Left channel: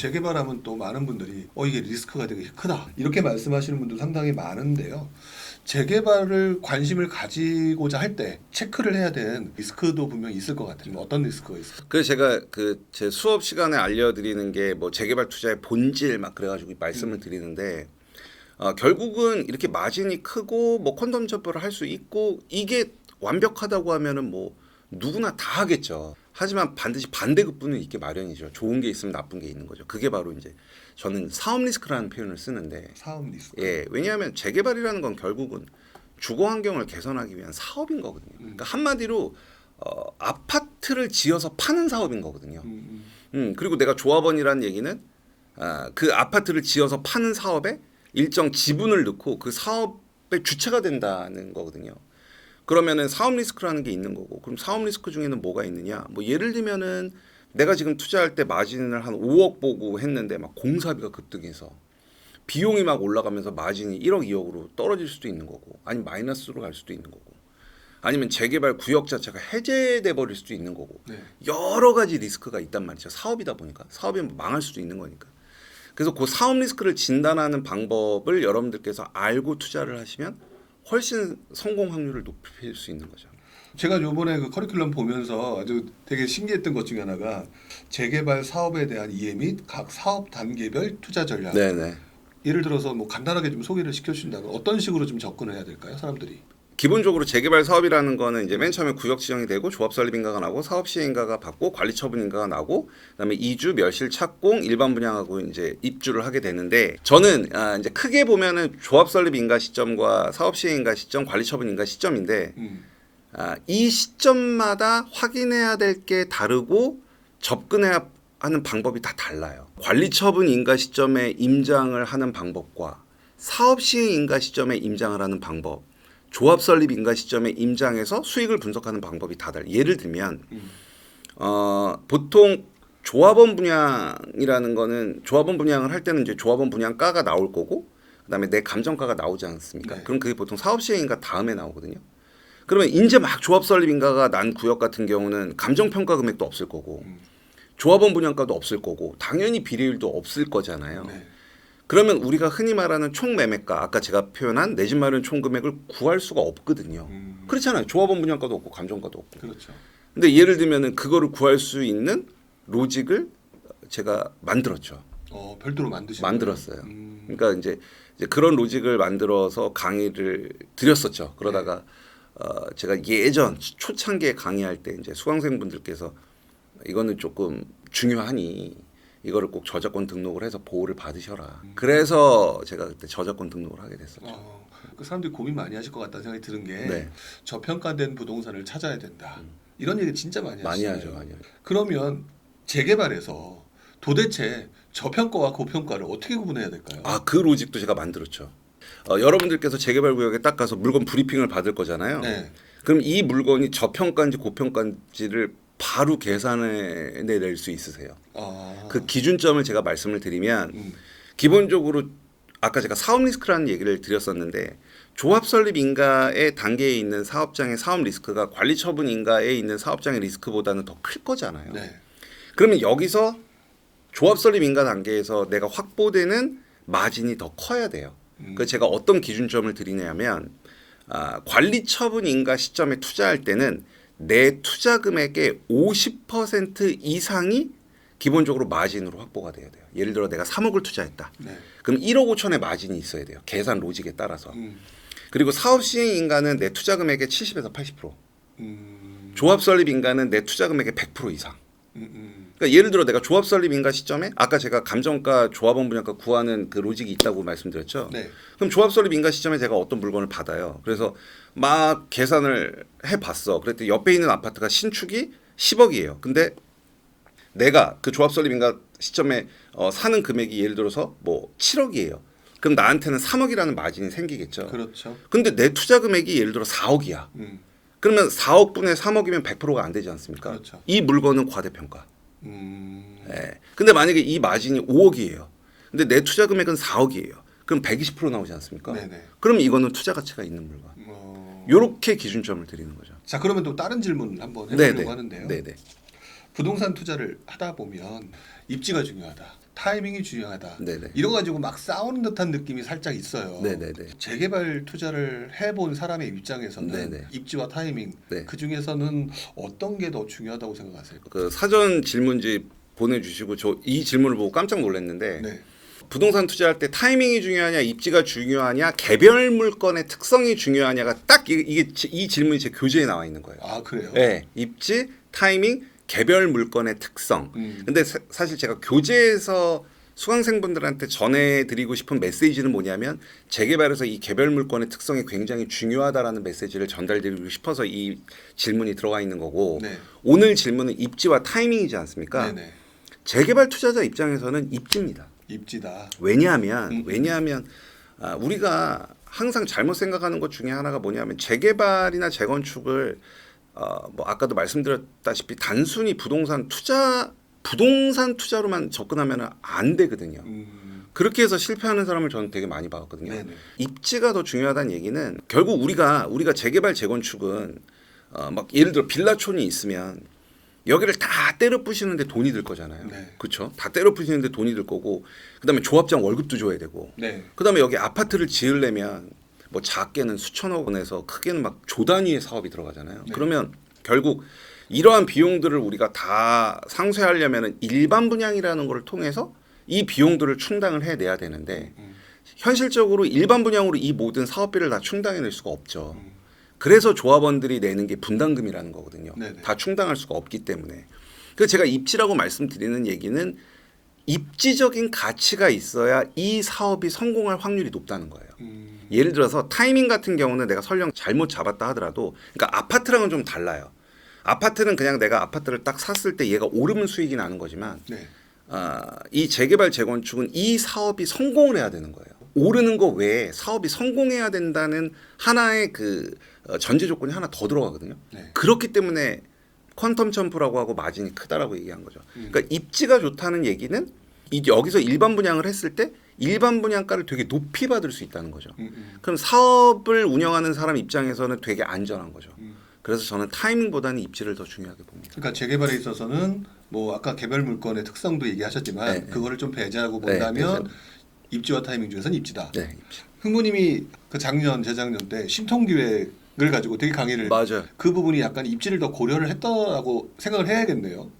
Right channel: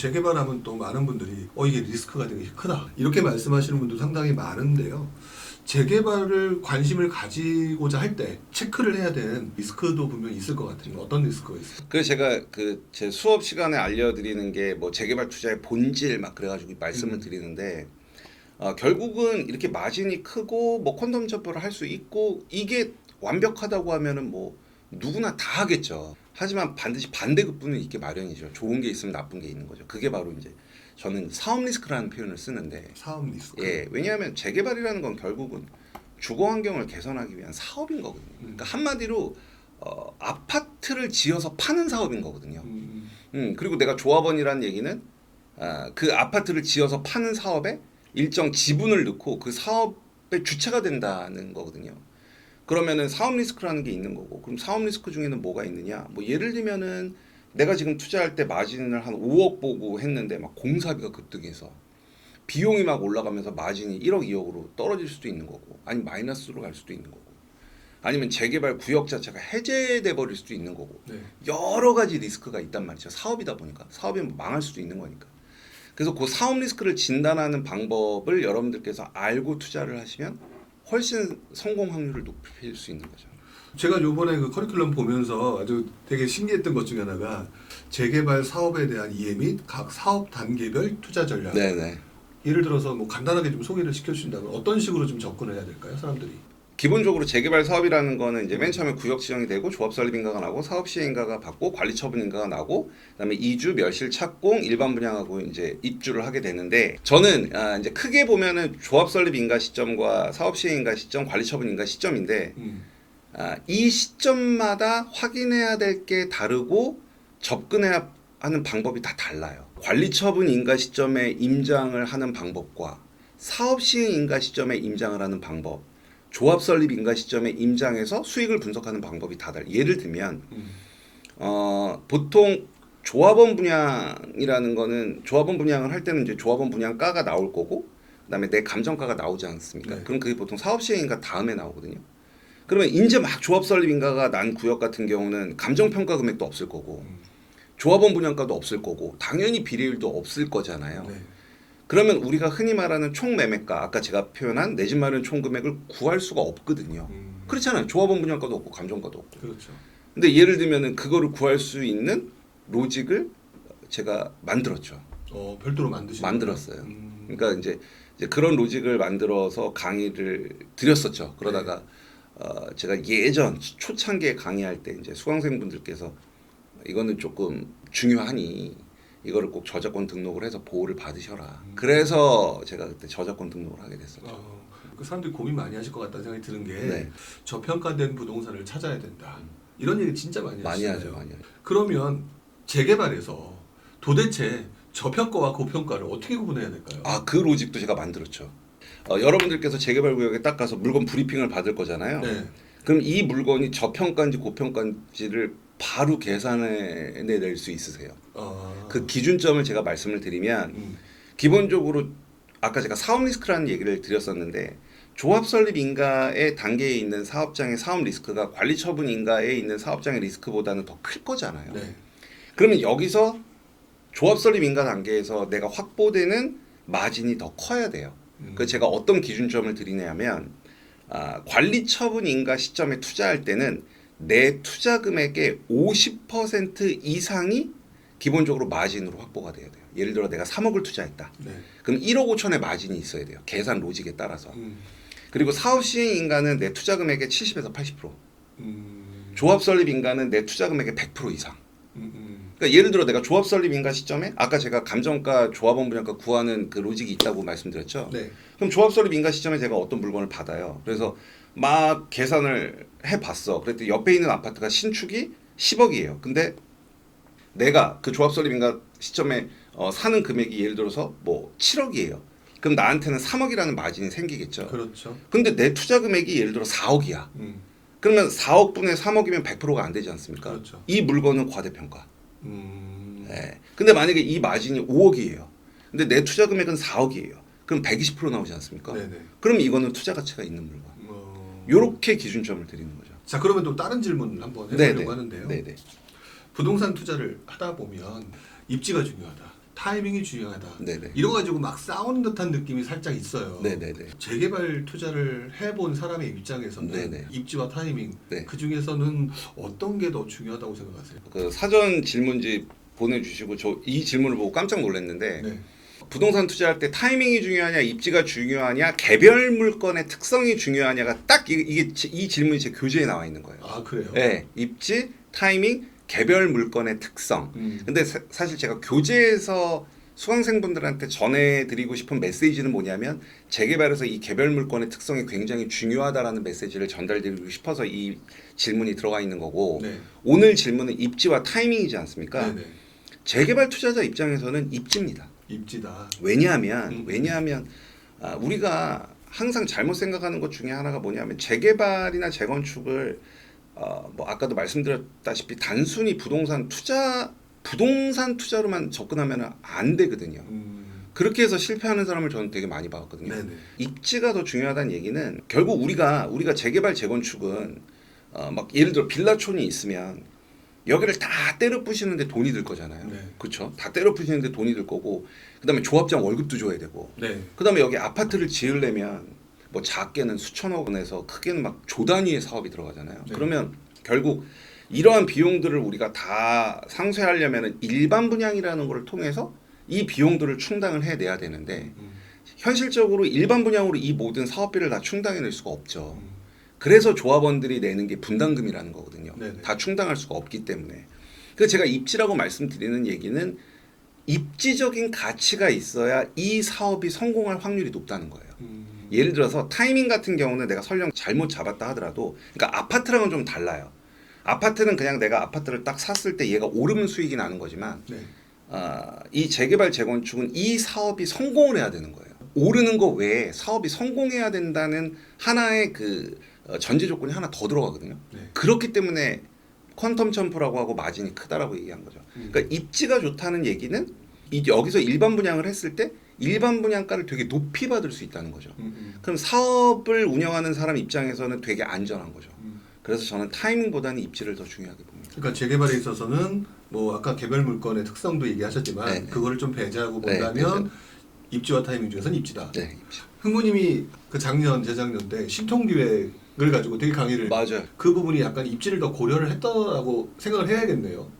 재개발하면 또 많은 분들이 이게 리스크가 되게 크다 이렇게 말씀하시는 분도 상당히 많은데요. 재개발을 관심을 가지고자 할 때 체크를 해야 되는 리스크도 분명히 있을 것 같아요. 어떤 리스크가 있을까요? 그래서 제가 그 제 수업 시간에 알려드리는 게 뭐 재개발 투자의 본질 막 그래가지고 말씀을 드리는데 결국은 이렇게 마진이 크고 뭐 콘돔 접근을 할 수 있고 이게 완벽하다고 하면은 뭐 누구나 다 하겠죠. 하지만 반드시 반대급부는 있게 마련이죠. 좋은 게 있으면 나쁜 게 있는 거죠. 그게 바로 이제 저는 사업 리스크라는 표현을 쓰는데 사업 리스크. 예, 왜냐하면 재개발이라는 건 결국은 주거 환경을 개선하기 위한 사업인 거거든요. 그러니까 한마디로 아파트를 지어서 파는 사업인 거거든요. 그리고 내가 조합원이라는 얘기는 그 아파트를 지어서 파는 사업에 일정 지분을 넣고 그 사업의 주체가 된다는 거거든요. 그러면은 사업 리스크라는 게 있는 거고, 그럼 사업 리스크 중에는 뭐가 있느냐? 뭐 예를 들면은 내가 지금 투자할 때 마진을 한 5억 보고 했는데 막 공사비가 급등해서 비용이 막 올라가면서 마진이 1억, 2억으로 떨어질 수도 있는 거고, 아니면 마이너스로 갈 수도 있는 거고, 아니면 재개발 구역 자체가 해제돼 버릴 수도 있는 거고, 네. 여러 가지 리스크가 있단 말이죠. 사업이다 보니까 사업이 망할 수도 있는 거니까. 그래서 그 사업 리스크를 진단하는 방법을 여러분들께서 알고 투자를 하시면 훨씬 성공 확률을 높일 수 있는 거죠. 제가 요번에 그 커리큘럼 보면서 아주 되게 신기했던 것 중에 하나가 재개발 사업에 대한 이해 및 각 사업 단계별 투자 전략. 네네. 예를 들어서 뭐 간단하게 좀 소개를 시켜주신다면 어떤 식으로 좀 접근을 해야 될까요, 사람들이? 기본적으로 재개발 사업이라는 거는 이제 맨 처음에 구역 지정이 되고 조합 설립 인가가 나고 사업 시행 인가가 받고 관리 처분 인가가 나고 그다음에 이주, 멸실, 착공, 일반 분양하고 이제 입주를 하게 되는데 저는 이제 크게 보면은 조합 설립 인가 시점과 사업 시행 인가 시점, 관리 처분 인가 시점인데 이 시점마다 확인해야 될 게 다르고 접근해야 하는 방법이 다 달라요. 관리 처분 인가 시점에 임장을 하는 방법과 사업 시행 인가 시점에 임장을 하는 방법, 조합 설립 인가 시점에 임장해서 수익을 분석하는 방법이 다 달라요. 예를 들면 보통 조합원 분양이라는 거는 조합원 분양을 할 때는 이제 조합원 분양가가 나올 거고 그다음에 내 감정가가 나오지 않습니까? 네. 그럼 그게 보통 사업 시행 인가 다음에 나오거든요. 그러면 이제 막 조합 설립 인가가 난 구역 같은 경우는 감정 평가 금액도 없을 거고 조합원 분양가도 없을 거고 당연히 비례율도 없을 거잖아요. 네. 그러면 우리가 흔히 말하는 총 매매가 아까 제가 표현한 내 집 마련 총 금액을 구할 수가 없거든요. 그렇잖아요. 조합원 분양가도 없고 감정가도 없고. 그렇죠. 근데 예를 들면은 그거를 구할 수 있는 로직을 제가 만들었죠. 별도로 만드신 만들었어요. 그러니까 이제 그런 로직을 만들어서 강의를 드렸었죠. 그러다가 제가 예전 초창기에 강의할 때 이제 수강생분들께서 이거는 조금 중요하니 이거를 꼭 저작권 등록을 해서 보호를 받으셔라. 그래서 제가 그때 저작권 등록을 하게 됐었죠. 그 사람들이 고민 많이 하실 것 같다는 생각이 드는 게 네. 저평가된 부동산을 찾아야 된다. 이런 얘기 진짜 많이 많이 하시잖아요. 하죠, 많이 하죠. 그러면 재개발에서 도대체 저평가와 고평가를 어떻게 구분해야 될까요? 그 로직도 제가 만들었죠. 여러분들께서 재개발 구역에 딱 가서 물건 브리핑을 받을 거잖아요. 네. 그럼 이 물건이 저평가인지 고평가인지를 바로 계산해 낼 수 있으세요. 그 기준점을 제가 말씀을 드리면 기본적으로 아까 제가 사업 리스크라는 얘기를 드렸었는데 조합 설립 인가의 단계에 있는 사업장의 사업 리스크가 관리 처분 인가에 있는 사업장의 리스크보다는 더 클 거잖아요. 네. 그러면 여기서 조합 설립 인가 단계에서 내가 확보되는 마진이 더 커야 돼요. 그래서 제가 어떤 기준점을 드리냐면 관리 처분 인가 시점에 투자할 때는 내 투자 금액의 50% 이상이 기본적으로 마진으로 확보가 돼야 돼요. 예를 들어 내가 3억을 투자했다. 네. 그럼 1억 5천의 마진이 있어야 돼요. 계산 로직에 따라서. 그리고 사업 시행 인가는 내 투자 금액의 70에서 80%. 조합 설립 인가는 내 투자 금액의 100% 이상. 그러니까 예를 들어 내가 조합 설립 인가 시점에 아까 제가 감정가, 조합원 분양가 구하는 그 로직이 있다고 말씀드렸죠. 네. 그럼 조합 설립 인가 시점에 제가 어떤 물건을 받아요. 그래서 막 계산을 해봤어. 그랬더니 옆에 있는 아파트가 신축이 10억이에요. 근데 내가 그 조합 설립 인가 시점에 사는 금액이 예를 들어서 뭐 7억이에요. 그럼 나한테는 3억이라는 마진이 생기겠죠. 그렇죠. 근데 내 투자 금액이 예를 들어 4억이야. 그러면 4억 분의 3억이면 100%가 안 되지 않습니까? 그렇죠. 이 물건은 과대평가. 네. 근데 만약에 이 마진이 5억이에요. 근데 내 투자 금액은 4억이에요. 그럼 120% 나오지 않습니까? 네네. 그럼 이거는 투자 가치가 있는 물건. 요렇게 기준점을 드리는 거죠. 자, 그러면 또 다른 질문 한번 해보려고 네네. 하는데요. 네네. 부동산 투자를 하다 보면 입지가 중요하다. 타이밍이 중요하다. 네네. 이러 가지고 막 싸우는 듯한 느낌이 살짝 있어요. 네네네. 재개발 투자를 해본 사람의 입장에서는 네네. 입지와 타이밍 네. 그 중에서는 어떤 게 더 중요하다고 생각하세요? 그 사전 질문지 보내주시고 저 이 질문을 보고 깜짝 놀랐는데 네. 부동산 투자할 때 타이밍이 중요하냐, 입지가 중요하냐, 개별 물건의 특성이 중요하냐가 딱 이 질문이 제 교재에 나와 있는 거예요. 아 그래요? 네, 입지, 타이밍, 개별 물건의 특성. 근데 사실 제가 교재에서 수강생분들한테 전해드리고 싶은 메시지는 뭐냐면 재개발에서 이 개별 물건의 특성이 굉장히 중요하다라는 메시지를 전달드리고 싶어서 이 질문이 들어가 있는 거고 네. 오늘 질문은 입지와 타이밍이지 않습니까? 네네. 재개발 투자자 입장에서는 입지입니다. 입지다. 왜냐하면 우리가 항상 잘못 생각하는 것 중에 하나가 뭐냐면 재개발이나 재건축을 뭐 아까도 말씀드렸다시피 단순히 부동산 투자로만 접근하면 안 되거든요. 그렇게 해서 실패하는 사람을 저는 되게 많이 봤거든요. 네네. 입지가 더 중요하다는 얘기는 결국 우리가 재개발 재건축은 막 예를 들어 빌라촌이 있으면 여기를 다 때려 부시는데 돈이 들 거잖아요. 네. 그렇죠? 다 때려 부시는데 돈이 들 거고 그다음에 조합장 월급도 줘야 되고 네. 그다음에 여기 아파트를 지으려면 뭐 작게는 수천억 원에서 크게는 막 조 단위의 사업이 들어가잖아요. 네. 그러면 결국 이러한 비용들을 우리가 다 상쇄하려면 일반 분양이라는 걸 통해서 이 비용들을 충당을 해내야 되는데 현실적으로 일반 분양으로 이 모든 사업비를 다 충당해낼 수가 없죠. 그래서 조합원들이 내는 게 분담금이라는 거거든요. 네네. 다 충당할 수가 없기 때문에. 그래서 제가 입지라고 말씀드리는 얘기는 입지적인 가치가 있어야 이 사업이 성공할 확률이 높다는 거예요. 예를 들어서 타이밍 같은 경우는 내가 설령 잘못 잡았다 하더라도 그러니까 아파트랑은 좀 달라요. 아파트는 그냥 내가 아파트를 딱 샀을 때 얘가 오르면 수익이 나는 거지만 네. 이 재개발 재건축은 이 사업이 성공을 해야 되는 거예요. 오르는 거 외에 사업이 성공해야 된다는 하나의 그 전제 조건이 하나 더 들어가거든요. 네. 그렇기 때문에 퀀텀 점프라고 하고 마진이 크다라고 얘기한 거죠. 그러니까 입지가 좋다는 얘기는 여기서 일반 분양을 했을 때 일반 분양가를 되게 높이 받을 수 있다는 거죠. 그럼 사업을 운영하는 사람 입장에서는 되게 안전한 거죠. 그래서 저는 타이밍보다는 입지를 더 중요하게 봅니다. 그러니까 재개발에 있어서는 뭐 아까 개별 물건의 특성도 얘기하셨지만 네. 그거를 좀 배제하고 네, 본다면 입지와 타이밍 중에서는 입지다. 네, 입지. 흥부님이 그 작년 재작년 때 신통기획을 가지고 되게 강의를 맞아요. 그 부분이 약간 입지를 더 고려를 했다라고 생각을 해야겠네요.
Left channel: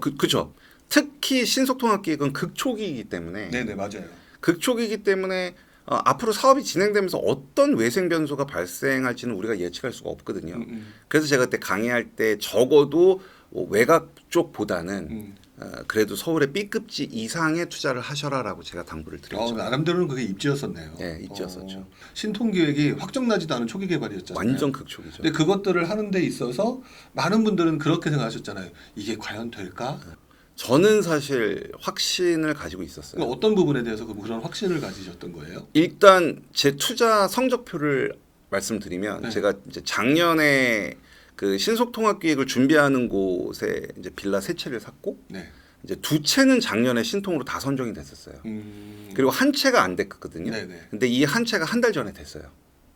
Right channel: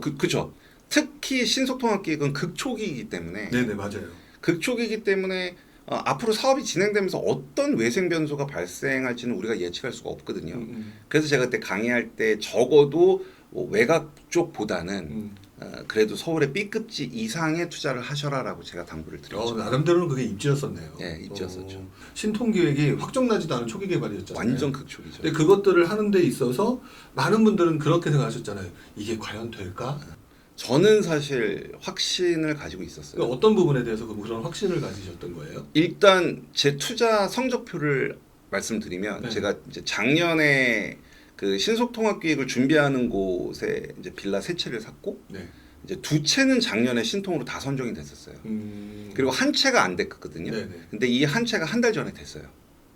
그렇죠. 특히 신속통합기획은 극초기이기 때문에 네네 맞아요. 극초기이기 때문에 앞으로 사업이 진행되면서 어떤 외생 변수가 발생할지는 우리가 예측할 수가 없거든요. 그래서 제가 그때 강의할 때 적어도 외곽 쪽보다는 그래도 서울의 B급지 이상의 투자를 하셔라라고 제가 당부를 드렸죠. 나름대로는 그게 입지였었네요. 네, 입지였었죠. 신통기획이 확정나지도 않은 초기 개발이었잖아요. 완전 극초기죠. 근데 그것들을 하는 데 있어서 많은 분들은 그렇게 생각하셨잖아요. 이게 과연 될까? 저는 사실 확신을 가지고 있었어요. 그러니까 어떤 부분에 대해서 그런 확신을 가지셨던 거예요? 일단 제 투자 성적표를 말씀드리면 네. 제가 이제 작년에 그 신속통합기획을 준비하는 곳에 이제 빌라 3채를 샀고 네. 이제 2채는 작년에 신통으로 다 선정이 됐었어요. 그리고 한 채가 안 됐거든요. 네네. 근데 이 한 채가 한 달 전에 됐어요.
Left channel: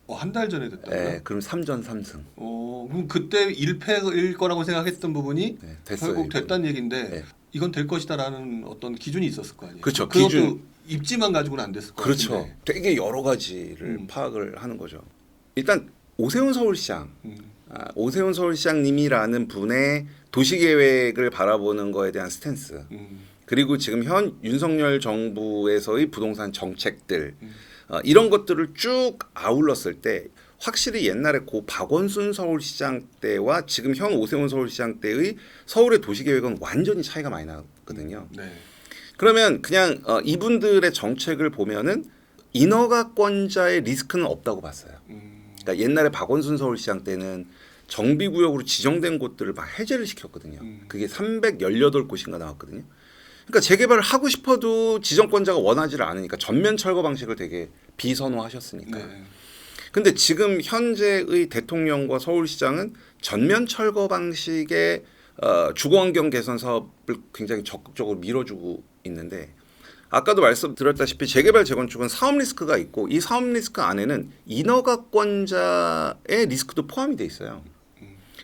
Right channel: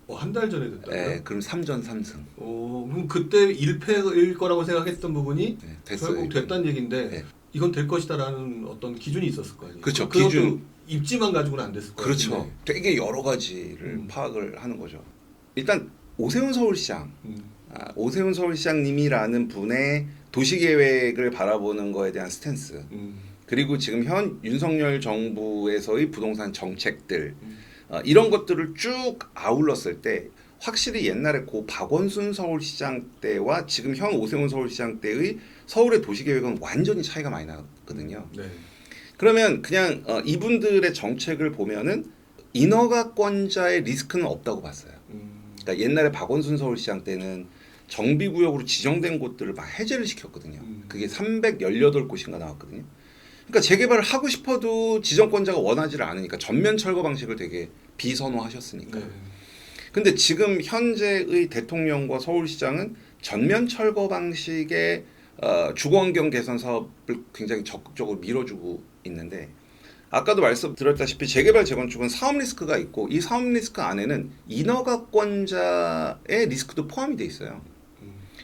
한 달 전에 됐다고요? 네, 그럼 3전 3승. 그럼 그때 1패일 거라고 생각했던 부분이 네, 됐어요. 결국 됐다는 얘기인데 네. 이건 될 것이다라는 어떤 기준이 있었을 거 아니에요? 그렇죠. 그것도 기준. 입지만 가지고는 안 됐을 거예요. 그렇죠. 되게 여러 가지를 파악을 하는 거죠. 일단 오세훈 서울시장, 오세훈 서울시장님이라는 분의 도시계획을 바라보는 거에 대한 스탠스, 그리고 지금 현 윤석열 정부에서의 부동산 정책들 이런 것들을 쭉 아울렀을 때 확실히 옛날에 고 박원순 서울시장 때와 지금 현 오세훈 서울시장 때의 서울의 도시계획은 완전히 차이가 많이 나거든요. 네. 그러면 그냥 이분들의 정책을 보면은 인허가권자의 리스크는 없다고 봤어요. 그러니까 옛날에 박원순 서울시장 때는 정비구역으로 지정된 곳들을 막 해제를 시켰거든요. 그게 318곳인가 나왔거든요. 그러니까 재개발을 하고 싶어도 지정권자가 원하지를 않으니까 전면 철거 방식을 되게 비선호하셨으니까. 네. 근데 지금 현재의 대통령과 서울시장은 전면 철거 방식의 주거환경 개선 사업을 굉장히 적극적으로 밀어주고 있는데 아까도 말씀드렸다시피 재개발 재건축은 사업 리스크가 있고 이 사업 리스크 안에는 인허가권자의 리스크도 포함이 돼 있어요.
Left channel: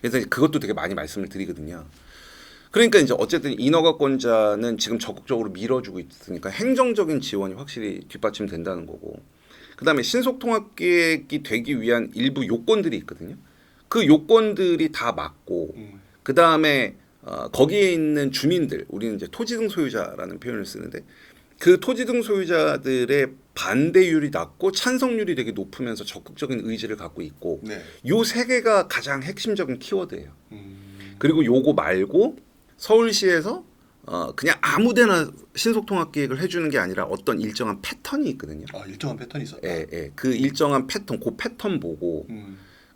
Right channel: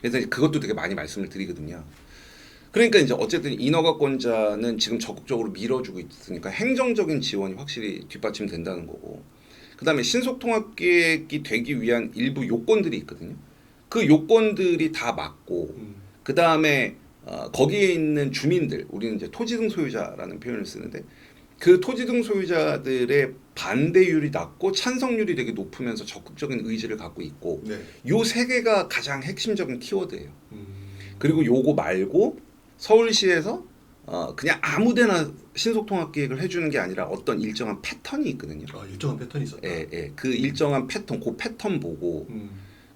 그래서 그것도 되게 많이 말씀을 드리거든요. 그러니까 이제 어쨌든 인허가권자는 지금 적극적으로 밀어주고 있으니까 행정적인 지원이 확실히 뒷받침된다는 거고. 그다음에 신속통합계획이 되기 위한 일부 요건들이 있거든요. 그 요건들이 다 맞고 그다음에 거기에 있는 주민들, 우리는 이제 토지 등 소유자라는 표현을 쓰는데 그 토지 등 소유자들의 반대율이 낮고 찬성률이 되게 높으면서 적극적인 의지를 갖고 있고 네. 요 세 개가 가장 핵심적인 키워드예요. 그리고 요거 말고 서울시에서 그냥 아무데나 신속통합계획을 해주는 게 아니라 어떤 일정한 패턴이 있거든요. 아, 일정한 패턴이 있었다. 예, 예. 그 일정한 패턴, 그 패턴 보고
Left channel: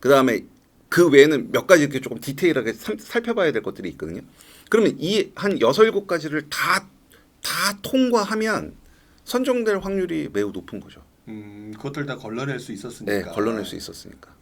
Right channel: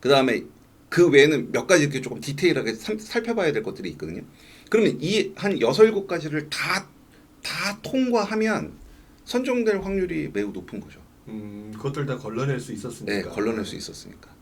그 다음에 그 외에는 몇 가지 이렇게 조금 디테일하게 살펴봐야 될 것들이 있거든요. 그러면 이 한 6, 7가지를 다 통과하면 선정될 확률이 매우 높은 거죠. 그것들 다 걸러낼 수 있었으니까. 네, 걸러낼 수 있었으니까.